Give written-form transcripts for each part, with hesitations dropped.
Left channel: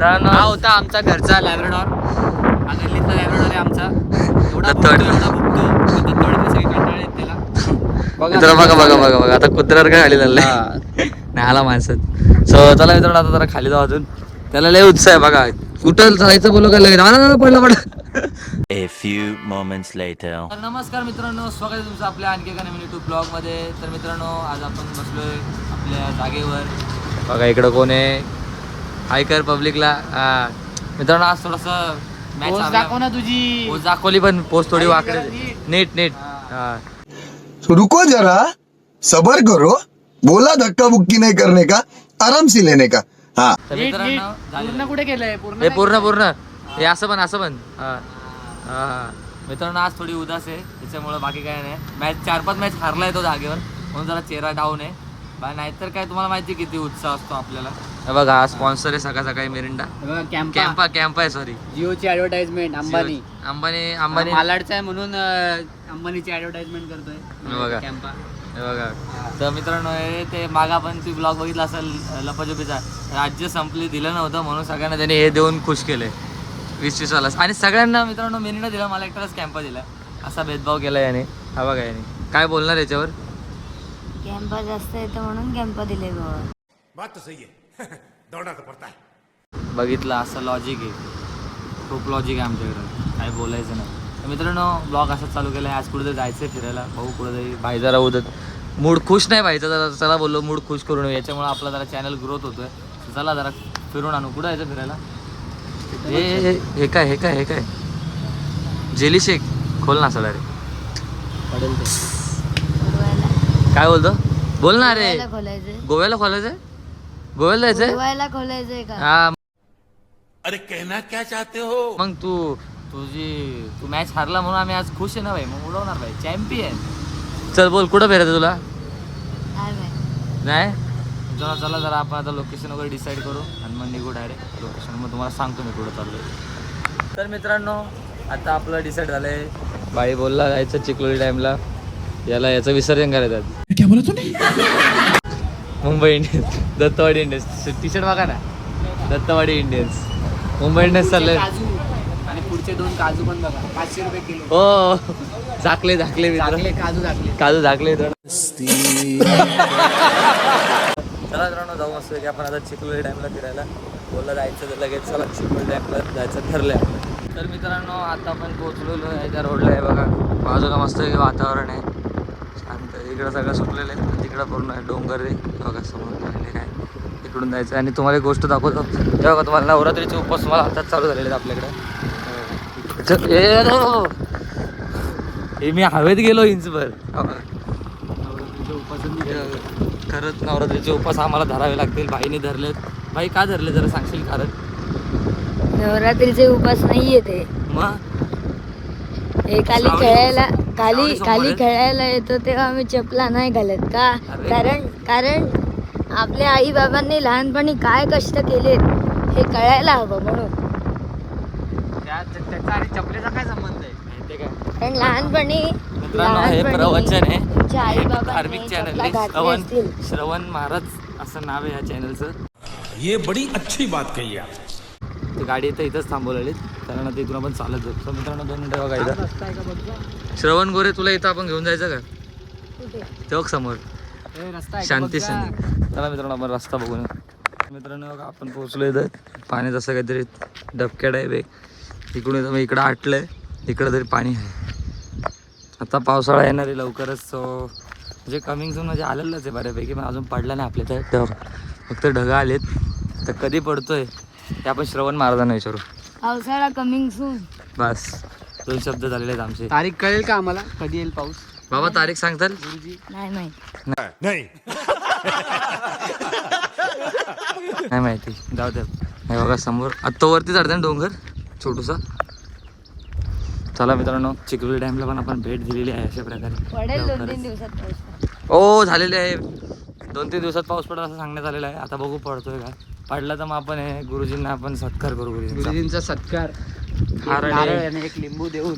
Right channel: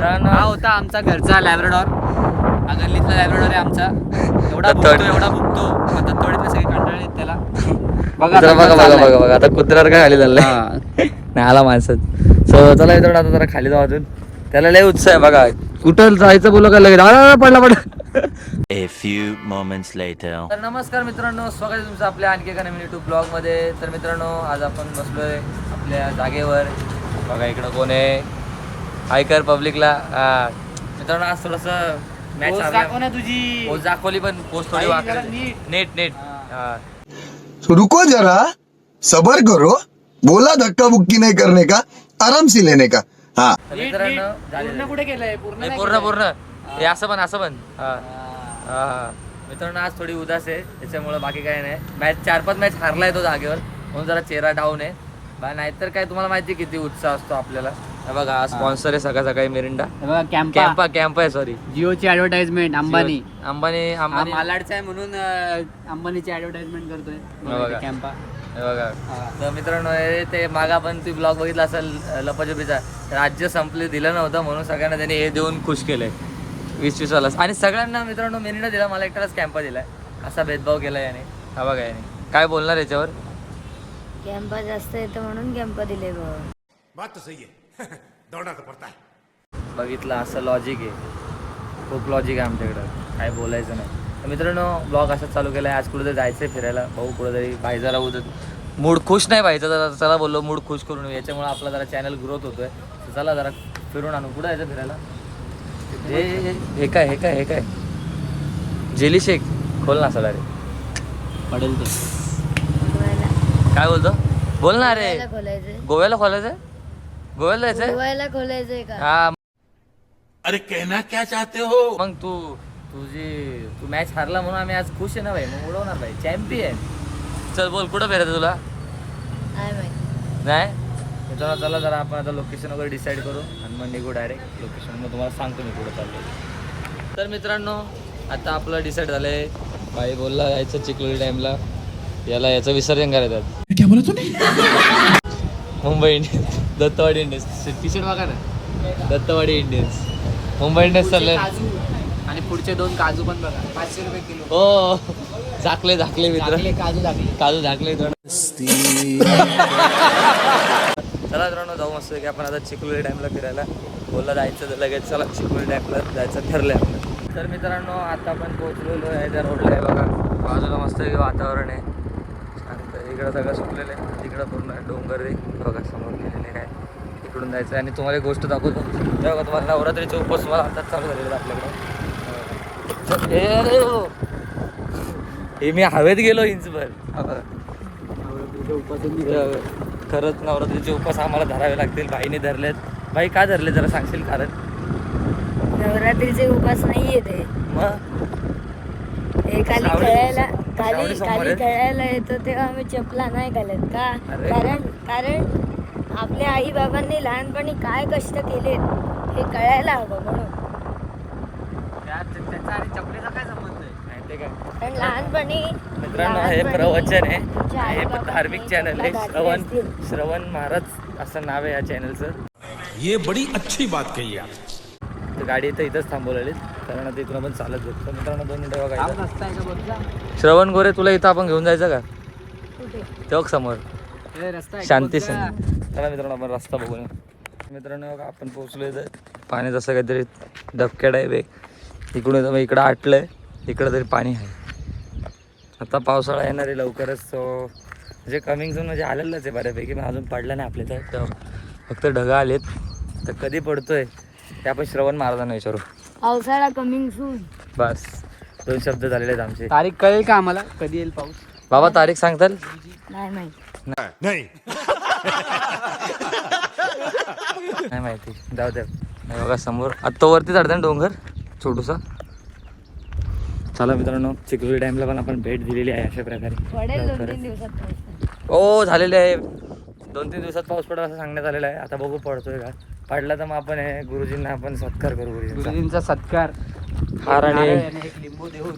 हा होता आमचा घरचा लॅब्राडॉर. हा गल्लीतला लॅब्राडॉर आहे आमचा. एवढा भुकतो दत्तवाडीतले सगळे कंटाळले त्याला. बघा आता कुत्र्यावर काय खाली चाललंय. नाही आला माणसात. सो चला मित्रांनो आता जरा खाली जाऊ अजून. त्याला लय उत्साह आहे बघा. कुठं जायचं बोलू का लगेच पडला. A few moments later. तर नमस्कार मित्रांनो, स्वागत आहे तुमचं आपल्या आणखी एका नवीन युट्यूब ब्लॉग मध्ये. तर मित्रांनो आज आपण बसलोय आपल्या जागेवर. बघा इकडं कोण आहे. हाय कर पब्लिकला. मित्रांनो आज थोडस मॅच दाखव तुझी पोस्ट दाखवली पण पोस्ट थोडी वाकडी नीट. रुको जरा सबर करो. बोला धक्का बुक्की नहीं करने का, आराम से लेने का. हाँ मित्रांनो कुठे गेलंय पूर्ण हे असं पण हा मित्रांनो आज थोडी उदास आहे त्याच्यामुळे बाकी काय नाही. मॅच 4-5 मॅच हारलाय तो जागेवर म्हणून जरा चेहरा डाऊन आहे. नाहीतर काय तुम्हाला माहिती किती उत्साह असतो आपल्याला. बघा हा स्पॉन्सर आहे सकाळी मिरिंडा. कॅम्पा आहे सॉरी जिओची ऍडव्हर्टाइजमेंट अंबानी मालाडचा आहे म्हणून अंबानीची ऍडव्हर्टाइजमेंट करतोय. बघा कॅम्पा बघा. तर मित्रांनो ते मागा पण ती ब्लॉग बघितला असेल लपाछपीचा. राज्य संपले दिलं नव्हतं म्हणून सगळ्यांना त्यांनी हे देऊन खुश केलंय 20-20 वाला. आणि सगळ्यांना मित्रांनो मेरिंडा दिला, मला एकटाच कॅम्पा दिलाय. असा भेदभाव केला याने. हा बघा याने काय बोलणार याच्यावर. कॅम्पा जास्त येतो म्हणून कॅम्पा दिले बात तो सही है. दौड़ना तो पड़ता है. बघितलं असं लॉजिक आहे. खूप लॉजिक आहे आमच्याकडं, काय बोलायचं नाही. तर मित्रांनो ब्लॉग असाच चालू केला आहे. आज कुठेतरी जायचं आहे फिरायला. भाऊ कुठेतरी भाई जरा उदत मूड खुश नाही व्हायचा जरा. चला बोललो मूड खुश करून येऊ. याच्यामुळे आपला जरा चॅनल ग्रोथ होतोय. तर चला जरा फिरून आणू. कुठं जायचं फिरायला. हे काय जेली शेक खोल ना सडा रे. काय बोलतो बोल ना रे. गोव्याला खोलायचंय. गोव्याला जायचंय. खोलायचंय का? हा अरे कहना क्या चाहते हो. मग तू मॅच हारला म्हणून आम्ही आज खुश आहे ना भाई. मग उडवणार भाई चॅम्पियन. चल बोल कुठं फिरायचं तुला. काय माहिती. नाही मित्रांनो चला जरा आपण आता लोकेशन वगैरे डिसाईड करू आणि मग निघू डायरेक्ट लोकेशन. मग तुम्हाला सांगतो मी कुठं चाललो. तर मित्रांनो आता आपलं डिसाईड झालंय. बाई बोलला जायचं चिखलोली डॅमला. याचं विसर्जन करायचं. क्या बोला तूने. Mumbai Indians Dattawadi Indians. T shirt बघा ना दत्तवाडी इंडियन्स. मुंबई इंडियन्स चाललंय. आणि पुढचे 2 काजू पण बघा 500 रुपये किलो. हो झाकले मित्र. काजू झाकले. चला मित्रांनो जाऊ मस्त की आपण आता चिखलोली डॅमला फिरायला. बोलला जायचं तर लगेच चला चिखलोली डॅमला जायचं ठरलंय आपलं. तर मित्रांनो आता आपण पोहोचलेलो आहे त्या रोडला आहे बघा. बाजूला मस्त वातावरण आहे शांत. इकडं सगळं सुकलेलं आहे. तिकडं पूर्ण डोंगर आहे बघा समोर. काय इकडून जायचं. आणि तुम्हाला एक गोष्ट दाखवतो बघा. तुम्हाला नवरात्रीचे उपवास मला हातात चालू झालेले आहेत आपल्याकडे. हे मी हवेत गेलो इंचभर. खरंच नवरात्रीचे उपवास आम्हाला धरावे लागतील. भाईने धरलेत. भाई का धरले जरा सांगशील कारण. नवरात्रीचे उपास नाहीये ते. मग खाली खेळायला येतो तेव्हा आम्ही चपला नाही घालत का. कारण आपल्या आई बाबांनी लहानपणी काय कष्ट केलेत हे कळायला हवं म्हणून. त्याचा आणि चपलेचा काय संबंध आहे. माहिती काय कारण लहानपणी मित्रांनो हे प्रवचन आहे. तुमच्या आई धार्मिक चॅनल आहे. श्रवण महाराज असं नाव आहे या चॅनलचं. ये बड़ी अच्छी बात कही आप. तर गाडी इथंच थांबवलेली कारण आता इथून आपण चालत जाऊ. तर मित्रांनो 2 मिनिटं बघायचं. श्रवण गोरे तुला इथं आपण घेऊन जायचं का. तेव्हा समोर शांती. चला मित्रांनो आपण रस्ता बघून. मित्रांनो आपण पोहोचलो इथं. पाण्यात असं काहीतरी डबक्याड आहे बे. इकडून इकडं आटलंय. इकडं तरी पाणी आहे. आता पावसाळा येणार आहे लवकरच. सो म्हणजे कमिंग सून म्हणजे आलेलंच आहे बऱ्यापैकी. पण अजून पडला नाही आपल्या तर. तेव्हा फक्त ढगा आलेत. तर कधी पडतोय ते आपण श्रवण महाराजांना विचारू. पावसाळा कमिंग सून. बस 2 शब्द झालेले आहेत आमचे. तारीख कळेल का आम्हाला कधी येईल पाऊस. बाबा तारीख सांगताल. नाही माहिती जाऊ द्या. बघा समोर आत्ता वरती चढता ना डोंगर छोटूसा. चला मित्रांनो चिखलोली डॅमला पण आपण भेट दिलेली आहे अशा प्रकारे. पडेल 2-3 दिवसात पाऊस. हो झालेले आहे. 2-3 दिवसात पाऊस पडेल असं सांगण्यात आलेलं आहे. आता बघू पडतोय का. पडला तर मग आपण गुरुजींना आपण सत्कार करू. गुरुजींचा सत्कार हार आणि एक लिंबू देऊन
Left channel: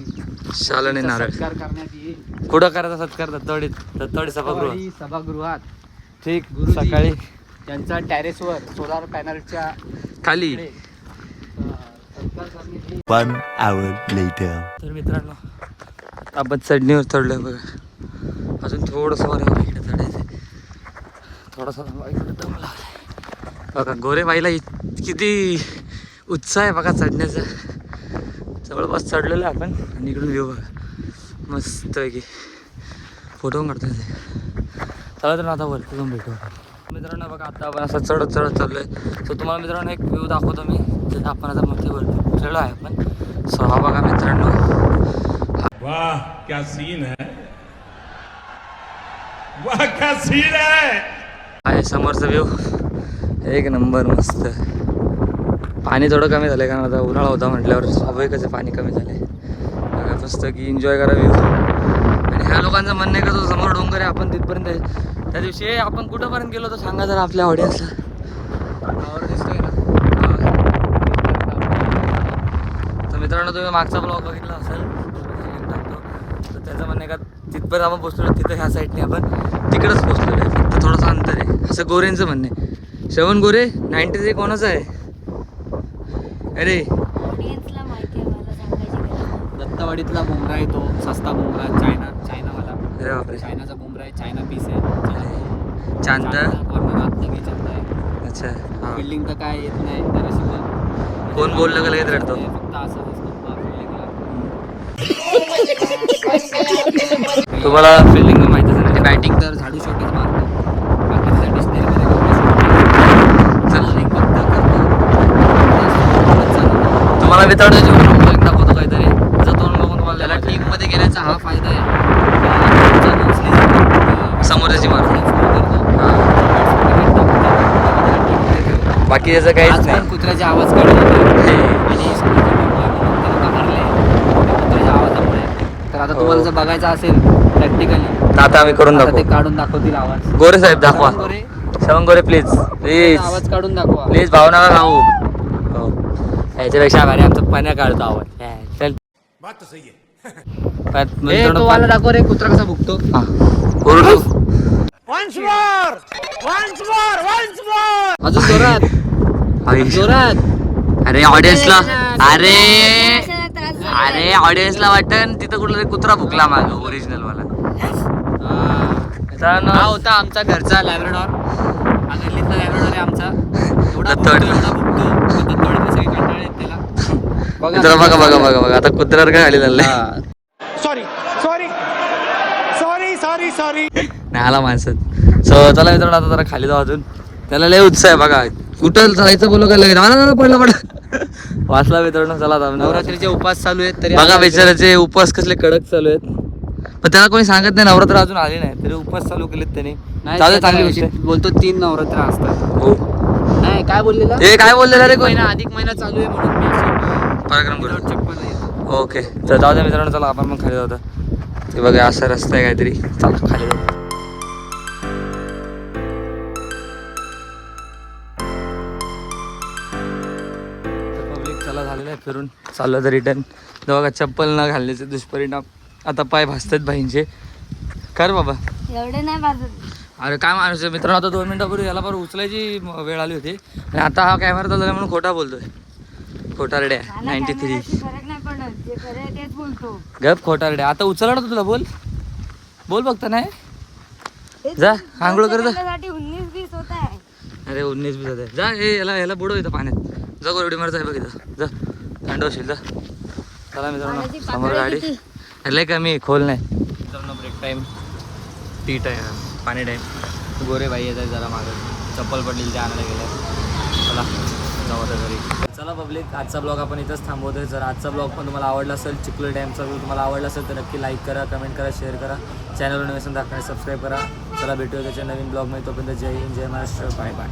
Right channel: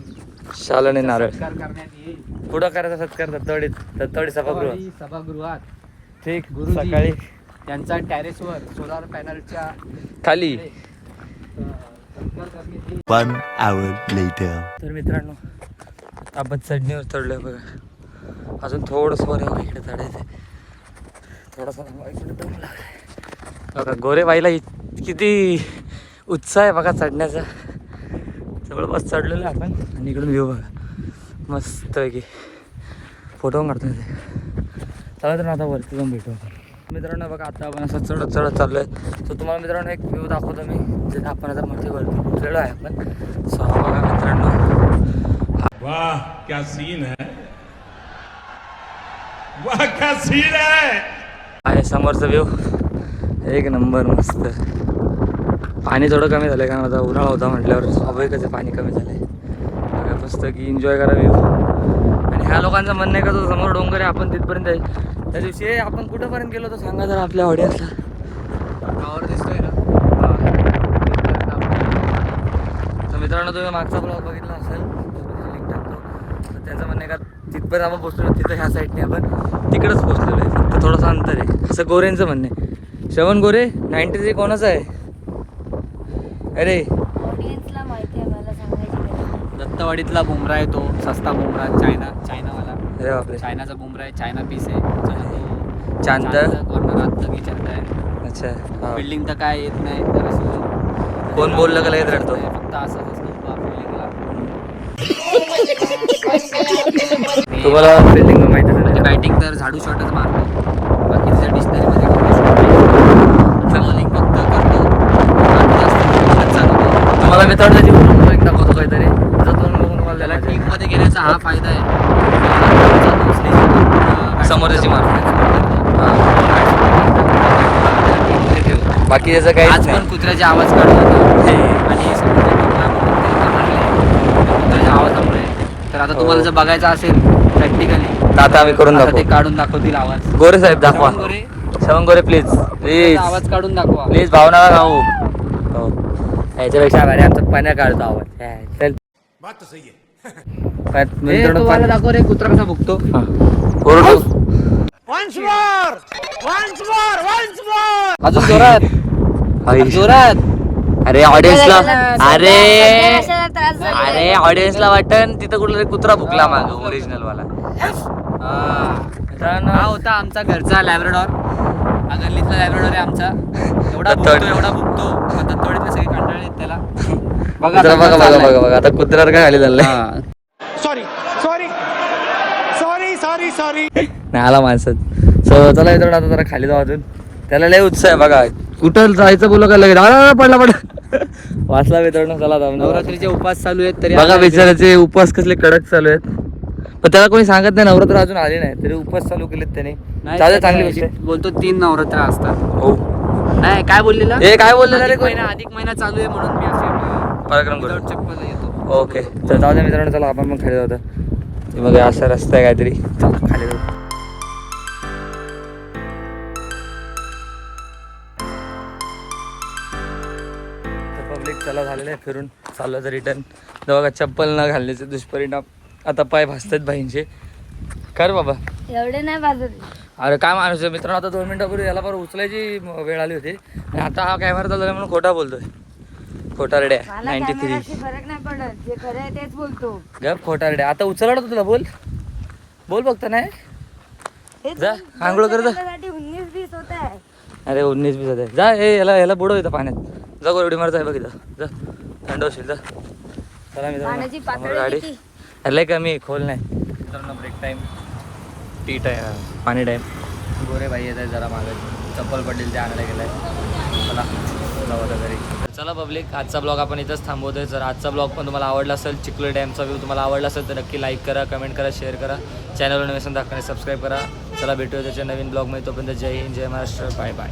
शाल आणि नारळ. सत्कार करण्यात येईल. कुठं करायचा सत्कार. दत्तवाडी सभागृहात. ठीक. सकाळी त्यांचा टेरेसवर सोलार पॅनलच्या खाली 1 hour later. तर मित्रांनो आता आपण चढणीवर चढलोय बघा. अजून थोडंसं वर यावं इकडे चढायचं. थोडासा इकडे दम लागलाय बघा. गोरेबाईला किती उत्साह आहे बघा चढण्याचा. जवळपास चढलेलं आहे आपण आणि इकडून व्ह्यू बघा मस्त पैकी फोटो काढतो ते. चला तर आता वरती जाऊन भेटू मित्रांनो. बघा आता आपण असं चढत चाललो आहे. सो तुम्हाला मित्रांनो एक व्ह्यू दाखवतो मी जिथे आपण आता मोठे वरती पोचलेलो आहे आपण. सो हा बघा मित्रांनो. वाह क्या सीन है, वाह क्या सीन है. आहे समोरचा व्ह्यू एक नंबर मस्त. पाणी थोडं कमी झालं कारण आता उन्हाळा होता म्हटल्यावर स्वाभाविकच पाणी कमी झालं आहे. बघा मस्त की एन्जॉय करा व्ह्यू. आणि ह्या लोकांचं म्हणणं आहे का तो समोर डोंगर आहे आपण तिथपर्यंत आहे. त्या दिवशी आपण कुठंपर्यंत गेलो तर सांगा जरा आपल्या ऑडियन्सला. दिसतोय ना. तर मित्रांनो तुम्ही मागचा ब्लॉग बघितला असेल तर त्याचं म्हणणं आहे का तिथपर्यंत आपण पोचलो तिथं ह्या साईडने आपण तिकडंच पोचलेलो आहे. फक्त थोडंसं अंतर आहे असं गोरेंचं म्हणणं आहे. श्रवण गोरे 93 कोणाचं आहे अरे? ऑडियन्सला माहिती आहे मला सांगायची. दत्तवाडीतला बुमरा आहे तो सस्ता बुमरा चायनावाला. अरे बापरे. चायनाचा बुमरा आहे, चायना पीस आहे. चांद कॉर्नर आत चंद आहे. अच्छा हा. बिल्डिंग तर काय येत नाही जरा. कोण बोललं का लगेच रडतो. फक्त असंच असतो बिल्डिंगला. तुम्हाला बिल्डिंग माहिती असेल बॅटिंग तर झाडू शॉटच मारतो. बाकीच्या डिक्शनरीमध्ये बॉलिंग फक्त करतो. तुम्हाला मित्रांनो त्याची दाखवतो काहीतरी त्याचा तोंड बघून तुम्हाला त्याला मजा येईल. टीममध्ये घेण्याचा हा फायदा आहे. समोर त्याची मारतो. हां बाकी त्याचं काहीच आज पण नाही. कुत्र्याचे आवाज काढत होते आणि समजा कुत्र्याचे आवाजामुळे. तर आता तुम्हाला जर बघायचं असेल प्रॅक्टिकली आता आम्ही करून आता ते दाखवू. काढून दाखवतील आवाज. गोरे साहेब दाखवा. गोरे, श्रवण गोरे प्लीज प्लीज आवाज काढून दाखवा. प्लीज भावना खाऊ. हो याच्यापेक्षा भारी आता पाण्या काढतो आवाज. चल बात तो सही है. मित्रांनो तो वाला दाखव रे कुत्रा कसा भुकतो. अजून जोरात जोरात. अरे ऑडियन्सला अरे कशाला त्रास झाला? अरे ऑडियन्सला वाटन तिथं कुठला कुत्रा भुकला माग ओरिजिनल वाला. हा होता आमचा घरचा लॅब्राडॉर. हा गल्लीतला लॅब्राडॉर आहे आमचा. एवढा दत्तवाडी. भुकतो दत्तवाडीतले सगळे कंटाळे आहेत त्याला. मित्र बघा आता कुत्र्यावर काय खाली चाललंय. सॉरी नाही आला माणसात. सो चला मित्रांनो आता जरा खाली जाऊ अजून. त्याला लय उत्साह आहे बघा. कुठं जायचं बोललो का लगेच पडला वाचला मित्रांनो. चला आता नवरात्रीचे उपवास चालू आहेत तरी बघा बिचाराचे उपवास कसले कडक चालू आहेत. पण त्याला कोणी सांगत नाही नवरात्र अजून आले नाही तरी उपवास चालू केलेत त्याने. नाही, चालू ते चांगली गोष्ट आहे. बोलतो 3 नवरात्र असतात. हो नाही काय बोललेलं हे काय बोलले रे कोणी. अधिक महिना चालू आहे म्हणून मी असं पराक्रम without करू. चप्पल येतो. ओके तर जाऊ दे मित्रांनो. चला आपण मग खाली जाऊ. ते बघा असा रस्ता आहे काहीतरी. चला खाली जाऊ. पब्लिक चला झालेलं आहे फिरून चाललं तर रिटर्न. बघा चप्पल न घालण्याचे दुष्परिणाम. आता पाय भासतात बाईंचे. कर बाबा एवढे नाही बाजू. अरे काय माणूस आहे मित्रांनो. आता 2 मिनिटापूर्वी याला बरं उचलायची वेळ आली होती आणि आता हा कॅमेरा चालला म्हणून खोटा बोलतोय. खोटा रेड्या मला 93. कॅमेराशी फरक नाही पडत. जे खरं आहे तेच बोलतो. गप खोटा रेड्या. आता उचलला होता तुला. बोल बघता नाही. जा आंघोळ कर जा. 19-20 होत आहे. अरे 19-20 होत आहे. जा हे याला बुडव इथं पाण्यात. जा गोरडी मारत आहे बघ इथं. जा थंड होशील जा. चला मित्रांनो पाण्याची समोर पातळी गाडी. किती? अरे कमी खोल नाही. मित्रांनो ब्रेक टाईम टी टाईम पाणी टाईम. गोरे बाई येतात जरा मागं. चप्पल पडलेली ते आणायला गेलाय. चला जाऊ आता घरी. चला पब्लिक आजचा ब्लॉग आपण इथंच थांबवतोय. जर आजचा ब्लॉग पण तुम्हाला आवडला असेल चिखलोली डॅमचा व्ह्यू तुम्हाला आवडला असेल तर नक्की लाईक करा कमेंट करा शेअर करा. चॅनलवर नवीन दाखवणे सबस्क्राईब करा. चला भेटूया त्याच्या नवीन ब्लॉगमध्ये. तोपर्यंत जय हिंद जय महाराष्ट्र. Bye bye.